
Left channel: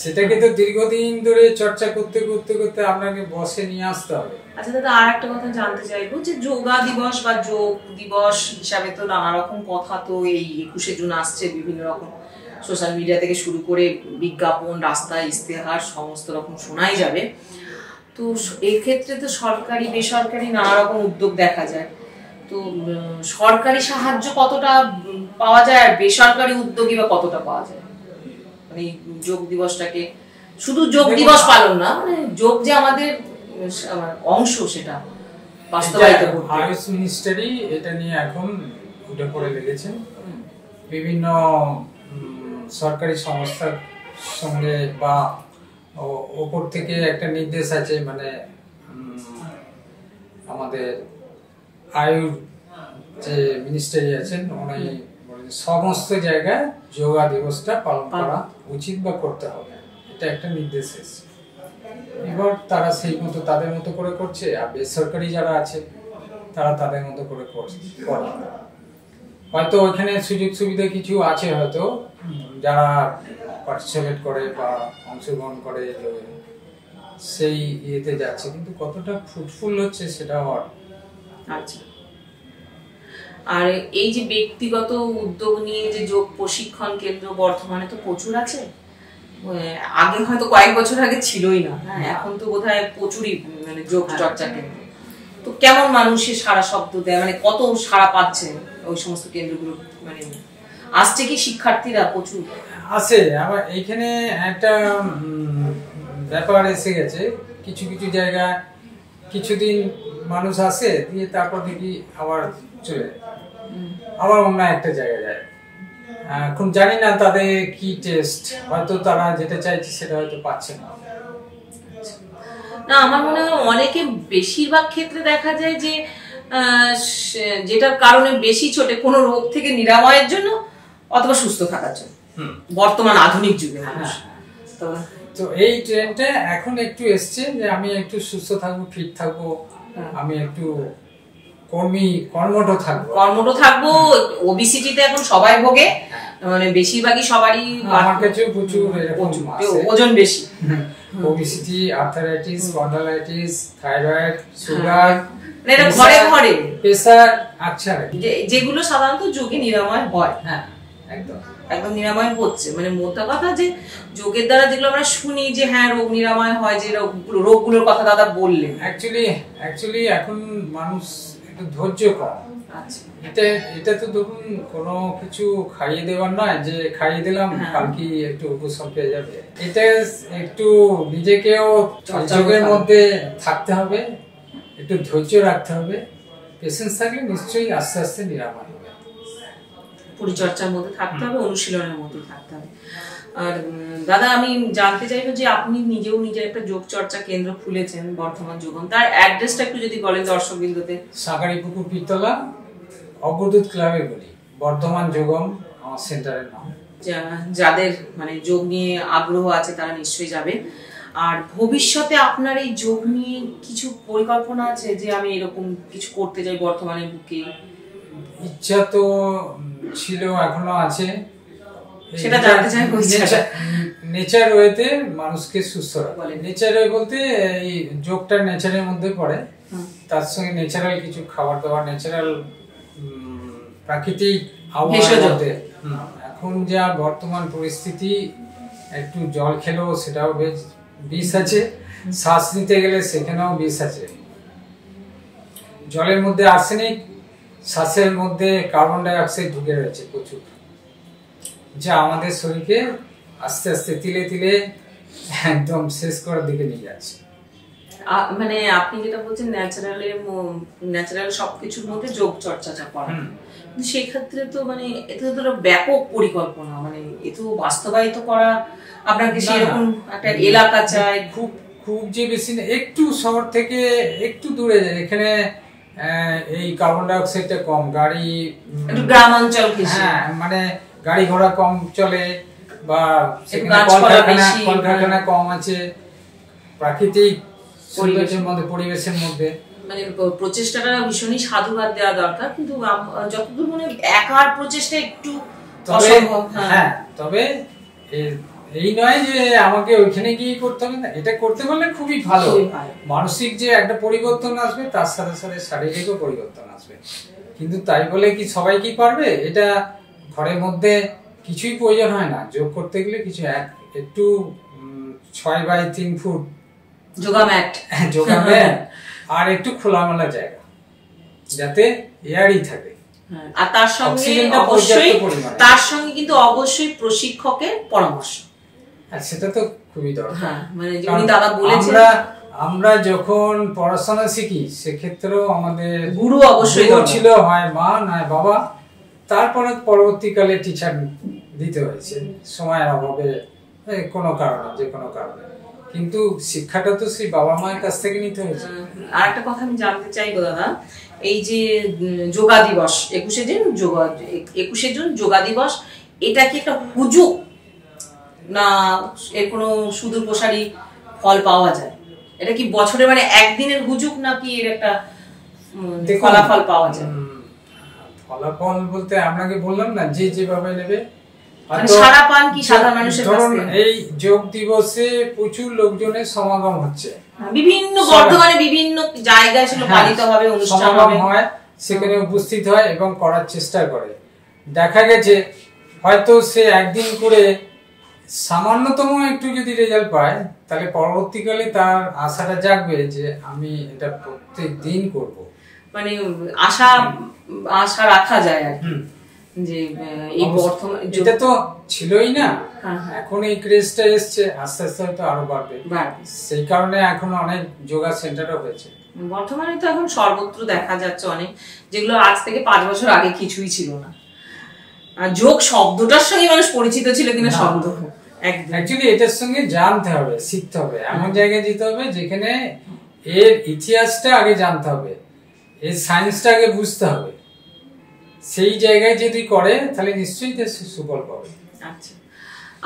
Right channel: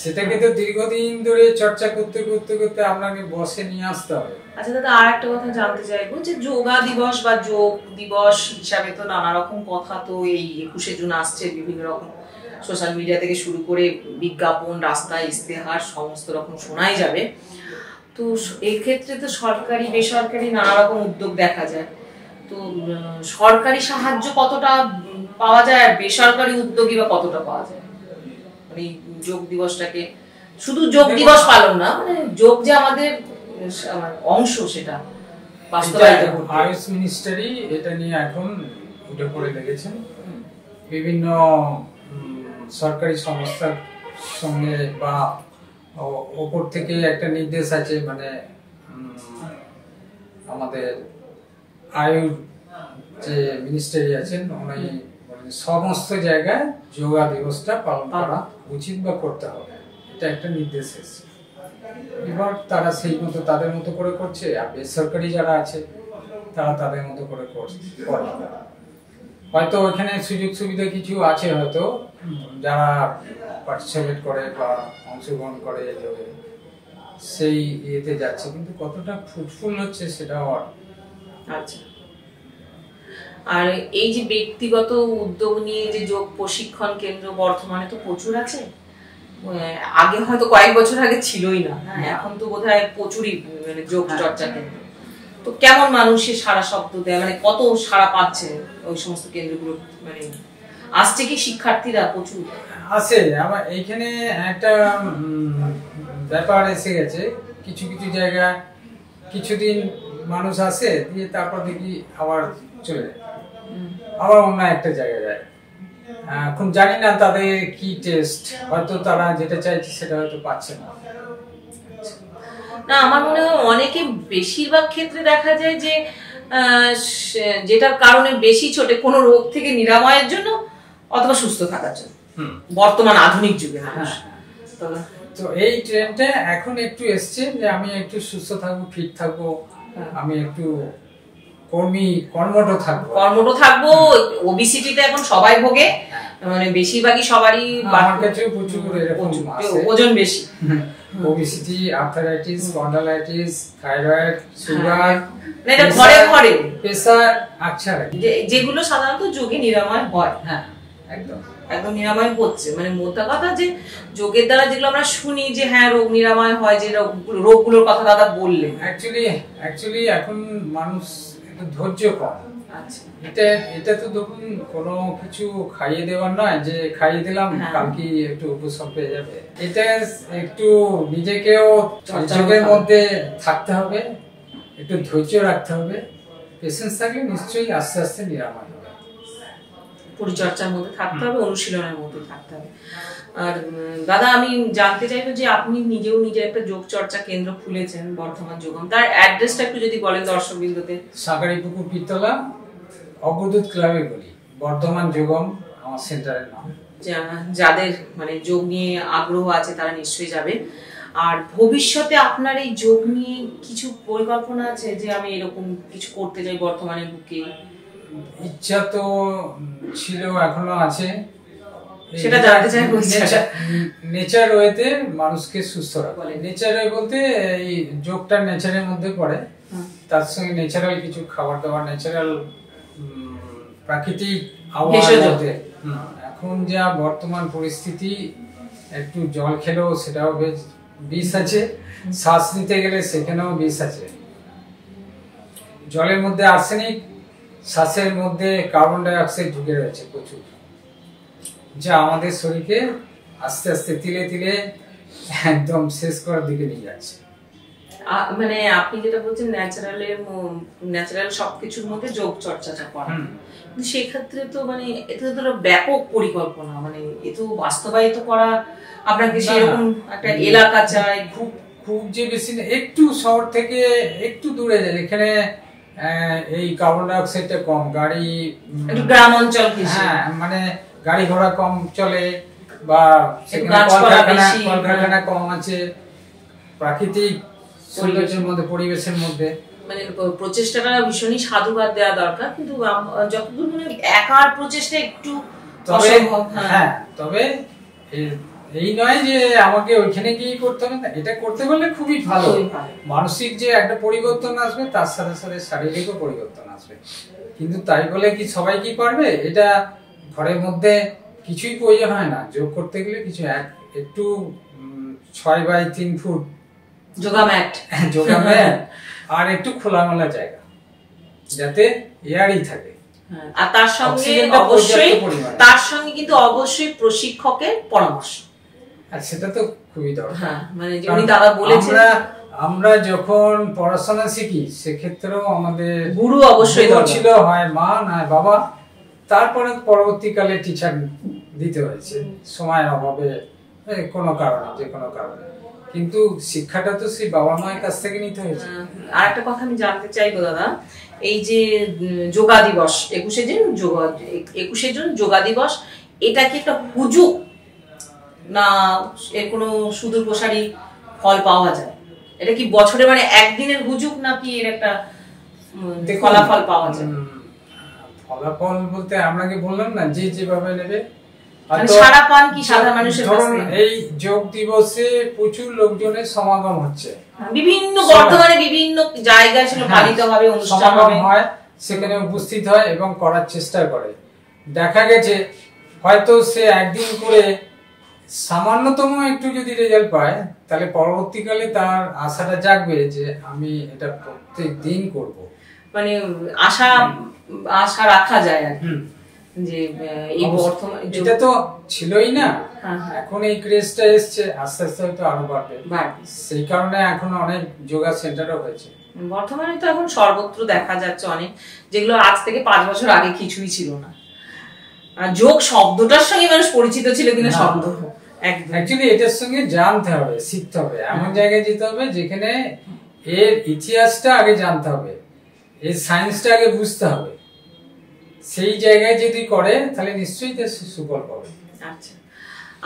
সেটাকে তো দীর্ঘদিন ধরে চর্চা করতে করতে করতে আপনাকে বসে নিয়ে আসতে হবে। আচ্ছা দাদা, আর একটা কথা জানতে চাইবো যে যোগা দিবস বা যোগ দিবস হিসাবে তো নানা রকম কথা তো এই 21শে জুন আসছে, বিভিন্ন রকম সোশ্যাল মিডিয়া থেকে শুরু করে বিজ্ঞাপন, রাস্তায় ইস্তেহার সমস্ত রকম শোনাই যাবে। তো এই ক্ষেত্রে তো সরকারি বেসরকারি নানা রকম উদ্যোগ দেখা যায়, তো সরকারি সাহায্য কতটা পাওয়া যায় আর বেসরকারি উদ্যোগই বা কতটা পাওয়া যায়? মানে যোগ দিবসটাকে শুধু যোগ দিবস পালন না, মানে যোগ যে আমাদের অংশ সেটা বাস্তবায়িত করতে। আয়ুষ মিনিস্ট্রি এটা নিয়ে এখন উঠে পড়ে লেগেছেন, বিভিন্ন সরকারি সংস্থার সঙ্গে বা ওপর থেকে একটা নির্দেশ আছে, মানে আমাদের আয়ুর যে মিনিস্ট্রি আছেন উনি সমস্ত জায়গায় যোগা দিবসটা পালন করা উচিত বা করতে হবে, এটা একটা নির্দেশ এসেছে। এবার তারা সেই মতো তাদের মতো করে করছে, আর বেসরকারি যারা আছে তারা তাদের মতো করে করে। হয়তো ওইখানে সুযোগ সুবিধা কিছু আছে, হয়তো যারা পার্টিসিপেট করে বা অংশগ্রহণ করে সেই ইয়েতে যাচ্ছে, কিন্তু কতটা ফ্রুটফুল হচ্ছে সেটাও। আচ্ছা, আর এই যে ব্যক্তিগত উদ্যোগ নিয়ে যে যোগ প্রশিক্ষণ কেন্দ্র বর্তমানে তো প্রচুর আছে, আগে হয়তো কয়েক বছর আগে ছিলই না, এখন তো বোধহয় প্রচুরই মানে যোগ চর্চা কেন্দ্র। তো কেমন মানুষের সারা শব্দ দেয়, মানে কত সারা পাচ্ছে ওই সমস্ত কেন্দ্রগুলো, মানে আসছে কি শিক্ষার্থীরা প্রচুর? আছে। আমার এইখানে একটা ব্যাপার এসে গেছে, কিছু কিছু জায়গায় কিছুদিন মানুষ আসে, দিয়ে তারপর দেখি আবার চলে যায়, আবার অন্য একটা জায়গায় যায়। এখন জানি না তাদের কি টেস্ট, হয়তো তারা যেটা চাইছে সেটা হয়তো পাচ্ছে না। না, আমার মনে হয় অনেকে, বেশিরভাগ ক্ষেত্রে দেখা যায় যে যেটার কারণে বেশি ছোটে কোনো রোগ থেকে নিরাময়ের জন্য অথবা সুস্থ থাকার জন্য, বর্তমান আধুনিক যুগে মানুষ। তো এই ট্রেন্ডটা এখন একটু এসছে যে আমি একটু সুস্থ থাকবো, ফিট থাকবো, আমি একটু কর্মঠ থাকবো। ওবিসিটিতে এখন সবাই ভোগে, মানে বেশিরভাগই সবারই। আমার কাছে প্রচুর ওজন বেশি, obesity, arthritis, spondylitis, thyroid, sugar, এটা ঘরে ঘরে, প্রেসার, আচ্ছা, যেগুলো সাধারণত যোগে নিরাময় হয়। হ্যাঁ, একদম নিরাময় হচ্ছে। মানে মোদ্দা কথা যে যোগের দ্বারা যেগুলো আমরা শুনি যে হ্যাঁ রোগ নিরাময় হয়, যে রোগগুলোর কথা দাদা বললেন, অ্যাকচুয়ালি এখন মানুষ একটু ধৈর্য কম। আচ্ছা, এটা তো ধরুন কোনো কিছু খাইয়ে দেওয়ার নয় যে খাইয়ে দিলাম কালকে একটু উপশম পেয়ে যাবে। এটা একটু নিজেকেও যোগের মধ্যে থাকতে হবে, একটু ধৈর্য রাখতে হবে, পেশেন্স থাকলে নিশ্চয়ই আস্তে আস্তে নিরাময় হবে। পরিচর্যার মধ্যে থাকতে হবে, অনুশীলনের মধ্যে থাকতে হবে। আর দাদা, আমি জানতে চাইবো যে আপনি নিজের একটা যোগ চর্চা কেন্দ্র খুলেছেন, বর্ধমান যোগম, তার অ্যাড্রেসটা একটু যদি বলেন দর্শকবৃন্দতে। সাগারিপুকুর পিতলা, অগ্রদূত ক্লাবে বলি, বর্ধমান যোগম আমার সেন্টারের নাম। যাদের মানে যোগ নিয়ে আগ্রহ আছে তারা নিশ্চয়ই যাবে। আর ভবিষ্যতে আপনার এই যোগ নিয়ে কিছু পরিকল্পনা আছে যে আমি এরকম কিছু করতে চাই বর্তমানের বুকে? ইচ্ছা তো ছিল, এখনো আছে, সেটা জানতে চাই। নেচার ওয়েতে মানুষকে সুস্থ রাখে। নেচার ওয়ে বলতে এই যোগটা নেচারের মধ্যে পড়ে, তার সঙ্গে ন্যাচারাল কিছু খাবার দাবার, ন্যাচারাল প্রাকৃতিক আবহাওয়ার মধ্যে। এখন যা বর্তমান পরিস্থিতি, একটু জল খেলেও সেটাও বেশ বিষ আছে, শ্বাস নিতে গেলে সেখানেও বিষ আছে। জলের মধ্যে আর্সেনিক, শ্বাসের মধ্যে কার্বন ডাই অক্সাইড ঢুকে রয়েছে প্রচুর, যা আমাদের শরীরকে আস্তে আস্তে তিলে তিলে একদম শেষ করার দিকে নিয়ে যাচ্ছে। মানে আপনি যেটা বলছেন ন্যাচারাল সবকিছুর মধ্যে যোগ চর্চাটা করা, কিন্তু সেক্ষেত্রে তো মানে এটা তো ব্যাপক পরিকল্পনা, মানে এ তো বাস্তবায়িত করা আপনাকে সেরকম একটা এলাকা চাই, খুব খুব যে বেশি না, একটু শহর থেকে একটু দূরে যায়, এখানে এই কার্বন ডাই অক্সাইডটা কম, গাড়ি একটু গ্রাম অঞ্চল, হ্যাঁ মানে গাড়ি ঘোড়া কম চলে, বা কলকারখানা কম আছে, প্রাকৃতিক পরিবেশের মধ্যে, পরিবেশের মধ্যে মানে প্রচেষ্টাটা ভীষণই সাধুবাদ দেওয়া দরকার, কিন্তু যতদূর মনে একার প্রচেষ্টা একটু অসম্ভব। হ্যাঁ, তবে এই নয় যে আমাকে ওইখানে গিয়ে করতে হবে না, এটা করতে পারলে খুবই ভালো। মানসিক যে একটা পরিবর্তন আসবে, তার সাথে সাথে শারীরিকও পরিবর্তন আসবে, কিন্তু তাই বলে কি সবাই কি পারবে? এটা ঘরের মধ্যে কিছুই প্রয়োজন হয় না, যোগ করতে গেলে কিছু একটু 6x3 ফুট যোগা ম্যাট আর একটু খোলামেলা জায়গা, যাতে এয়ারই থাকে। আর তার সঙ্গে কিন্তু অবশ্যই প্রশিক্ষকের পরামর্শ, আর সেটা তো খুবই দরকার। মানে যেমনি দাদা বলেছেন, আমরা যখন পড়াশোনা শিখি সেক্ষেত্রেও আমাদের গুরু অবশ্যই ছিল, হয় মা নয় বাবা, তারপরে পরবর্তীকালে টিচার দিতে হয়েছে সময়ের অভাবে, কোনো কারণে, যে কোনো কারণে, কিন্তু শিক্ষাটা তো সেই বাবা মায়ের কাছ থেকে নিতে হয়েছে। আর একটা কথা আমি জানতে চাইবো দাদা, এই যে যোগা দিবস 21শে জুন যোগা দিবস, এটা কি একটা হুজুগ না এর কোনো সুদূর প্রসারী ফল পাওয়া যায়? এটা কি বছরে মানে একদিনের হুজুগ নাকি এর একটা ফলাফল পাওয়া যায়? ফলাফল বলতে আপনাকে বললাম না, যে যেভাবে নেবে সারা পান কি সাধারণ মানুষের কাছ থেকে? এই যোগ দিবসে প্রচুর লোকজনের সমাগম হচ্ছে, বিভিন্ন বর্ধমানে বিভিন্ন জায়গায় ছিল পালিত হবে, অনুষ্ঠান হয়, সেখানে উপস্থিত হয় এবং করার চেষ্টা করে। দেখা গেছে হয়তো সে একদিন করে সামান্যতম একটু যদি রেজাল্ট পায়, তাহলে পরবর্তীকালে তার আশাটা জাগবে যে আমি এটা প্রত্যেক দিন করব, মানে আশা রাখা যায় আর কি। যে এই বর্তমানে এটা তো ছিলই না, এখন এই ক্রেজটা এসছে, আস্তে আস্তে হয়তো আরো বাড়বে, সেই কারণে এখন অনেক যোগা সেন্টারও হয়েছে বর্তমানে। তো এখন সর্বত্র দেখা যাচ্ছে অনেক, যেগুলো আজ থেকে 5 বছর আগে কিছুই ছিল না। আর যোগ শব্দটার সঙ্গে মানুষ পরিচিত ছিল কিনা শব্দ, অ্যাকচুয়ালি এটার সঙ্গে জানতে হবে, শিখতে হবে, এমন জায়গায় যেতে হবে যেখানে এর ইতিহাসটা আগে জানতে হবে, এর সায়েন্সটা আগে বুঝতে হবে। সেই জায়গায় যদি করে তাহলে নিশ্চয়ই তার সুফল পাবে। আচ্ছা,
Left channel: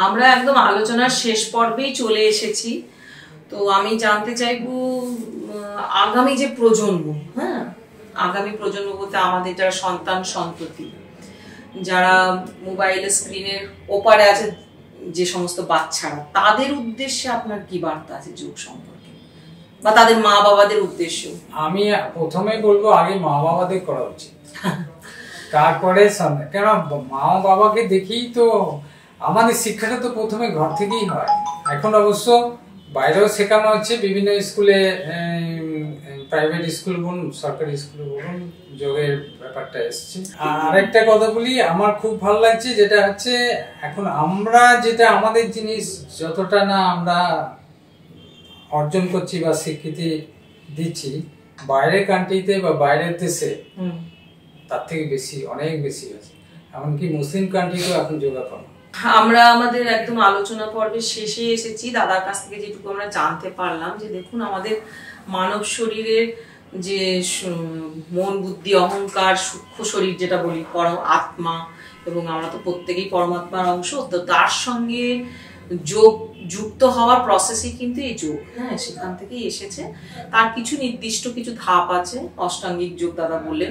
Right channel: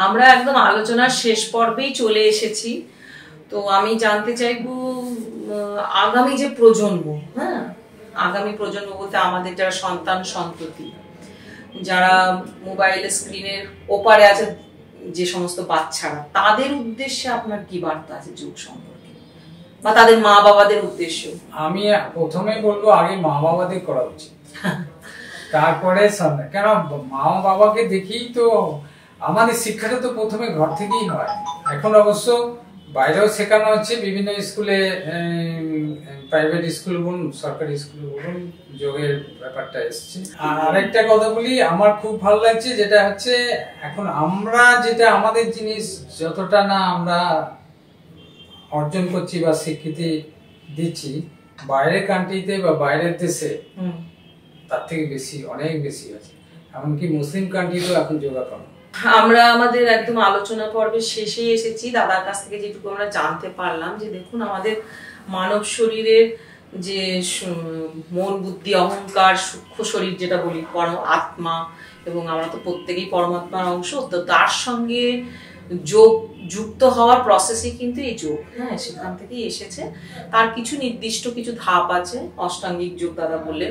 আমরা একদম আলোচনার শেষ পর্বেই চলে এসেছি। তো আমি জানতে চাইবো আগামী যে প্রজন্ম, আগামী প্রজন্ম বলতে আমাদের যারা সন্তান সন্ততি, যারা মোবাইল স্ক্রিনের ওপারে আছে, যে সমস্ত বাচ্চারা, তাদের উদ্দেশ্যে আপনার কি বার্তা আছে যোগ সম্পর্কে, বা তাদের মা বাবাদের উদ্দেশ্যে? আমি প্রথমে বলবো আগে মা বাবাদের করা উচিত, তারপরে কেন মা বাবাকে দেখি তো আমাদের শিক্ষাটা তো প্রথমে ঘর থেকেই হয়। এখন অবশ্য বাইরেও শেখানো হচ্ছে, বিভিন্ন স্কুলে, প্রাইভেট স্কুল বলুন, সরকারি স্কুল বলুন, যোগের ব্যাপারটা এসছে। আর আরেকটা কথা বলি, আমার খুব ভালো লাগছে, যেটা হচ্ছে এখন আমরা যেটা আমাদের জিনিস যতটা না আমরা অর্জন করছি বা স্বীকৃতি দিচ্ছি, বাইরের কান্ট্রিতে বা বাইরের দেশে তার থেকে বেশি, অনেক বেশি আছে। এমনকি মুসলিম কান্ট্রিতেও এখন যোগা করে। আমরা আমাদের একদম আলোচনা পর্বের শেষে এসেছি। দাদার কাছ থেকে যেটুকু আমরা জানতে পারলাম, যে দেখুন আমাদের মানব শরীরের যে মন, বুদ্ধি, অহংকার, সূক্ষ্ম শরীর যেটা বলি, পরম আত্মা, এবং আমরা তো প্রত্যেকেই পরমাত্মার অংশ, তো তার সঙ্গে যোগ যুক্ত হওয়ার প্রসেসই কিন্তু এই যোগ, সেখান থেকেই এসেছে। তার কিছু নির্দিষ্ট কিছু ধাপ আছে, অষ্টাঙ্গিক যোগ দাদা বললেন,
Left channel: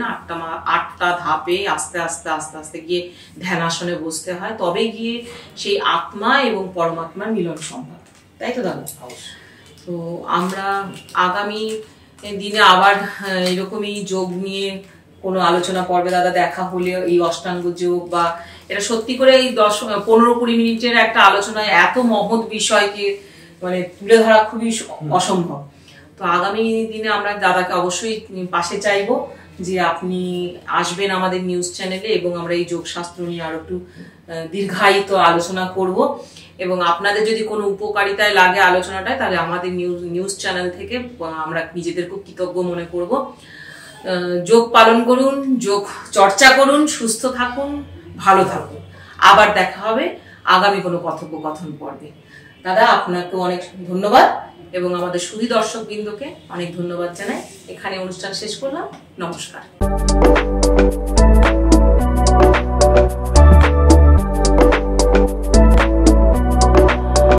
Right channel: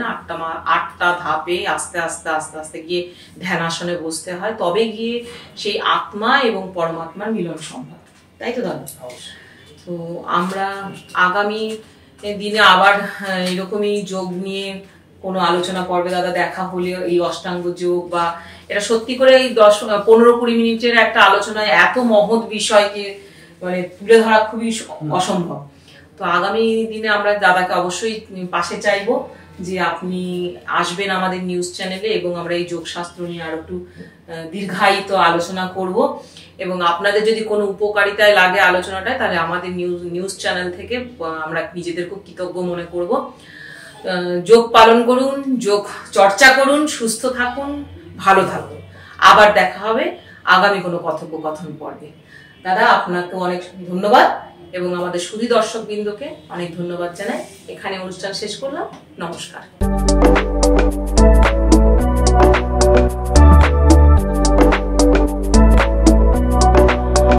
8টা ধাপে আস্তে আস্তে আস্তে আস্তে গিয়ে ধ্যানাসনে বসতে হয়, তবে গিয়ে সেই আত্মা এবং পরমাত্মার মিলন সম্ভব, তাই তো দাদা? তো আমরা আগামী দিনে আবার এরকমই যোগ নিয়ে কোনো আলোচনা পর্বে দাদা দেখা হলে এই অষ্টাঙ্গ যোগ বা এটা সত্যি করে এই 15-20 মিনিটের একটা আলোচনায় এত মহৎ বিষয়কে মানে তুলে ধরা খুবই অসম্ভব। তো আগামী দিনে আমরা দাদাকে অবশ্যই পাশে চাইবো যে আপনি আসবেন আমাদের নিউজ চ্যানেলে এবং আমরা এই যোগশাস্ত্র নিয়ে আরো একটু দীর্ঘায়িত আলোচনা করব। এবং আপনাদের যদি কোনো উপকারিতায় লাগে আলোচনাটায়, তাহলে আমাদের নিউজ চ্যানেল থেকে আমরা নিজেদের খুব কৃতজ্ঞ মনে করব। যোগ পালন করুন, যোগ চর্চা করুন, সুস্থ থাকুন, ভালো থাকুন। আবার দেখা হবে আগামী কোনো কথোপকথন পর্বে। দাদা আপনাকে অনেক ধন্যবাদ এবং আমাদের সুধী দর্শক বৃন্দকে অনেক ধন্যবাদ জানাই। এখানে অনুষ্ঠান শেষ করলাম। নমস্কার।